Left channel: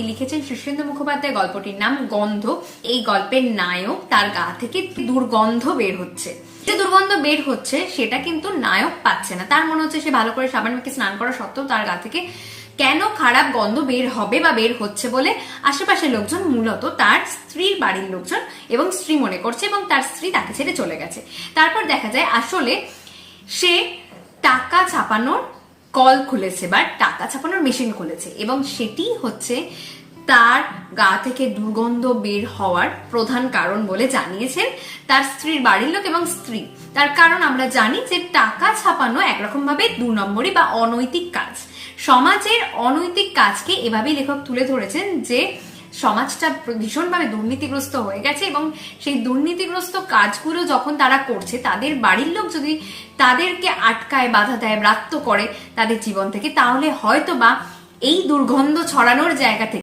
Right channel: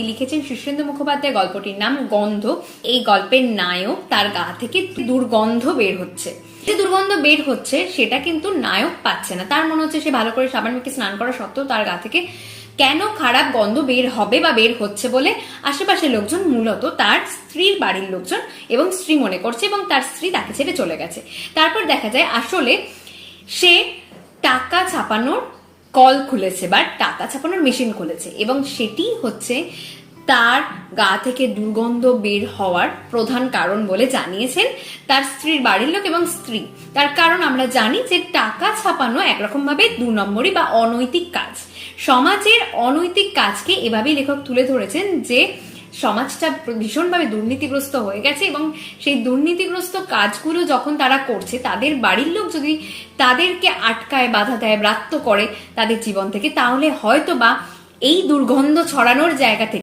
লিখেছেন শীর্ষেন্দু মুখোপাধ্যায় গল্পটির নাম গন্ধ। এই গল্পের নায়ক তার গা থেকে দুর্গন্ধ বের হচ্ছে। যে দুর্গন্ধ বের হচ্ছে, সেটা কিন্তু নায়ক পাচ্ছে না। তার মনে হচ্ছে সে ভালো করে সাবান মেখে স্নান করা সত্ত্বেও তার গা থেকে কেন খারাপ গন্ধ বের হবে বা বের হচ্ছে বলে আশেপাশের লোকজন, মূলত তার স্ত্রীর বাড়ির লোকজন এবং স্ত্রী মনে করছে এবং তার স্ত্রী তাকে ছেড়ে চলে গেছে। তারপর দেখা যায় আসলে সে টাকা ছাপানোর কল খুলেছে বা টাকা ছাপানোর মেশিন খুলেছে এবং সেটি হচ্ছে তার গা থেকে দুর্গন্ধ বের হওয়ার প্রধান কারণ বলে জানিয়েছেন তার স্ত্রীর বাড়ির লোক এবং স্ত্রী। তার কারণ আমরা জানি যে টাকা ছাপানো একরকম ভাবে দু নম্বরই বা অনৈতিক কাজ। সমাজের অনৈতিক কাজকে এভাবেই লেখক তুলে ধরেছেন যে সমাজটা ভীষণভাবে দুর্নীতিগ্রস্ত হয়ে গেছে এবং সেই দুর্নীতিগ্রস্ত কাজগুলো যখন তারা করছে, তাদের বাড়ির লোক যদি তাদেরকে আটকায়, বাধা দেয়, ব্রাত্য করে তাদের জীবন থেকে, তাহলে হয়তো বা এই দুর্গন্ধ ছড়ানোর জায়গা থেকে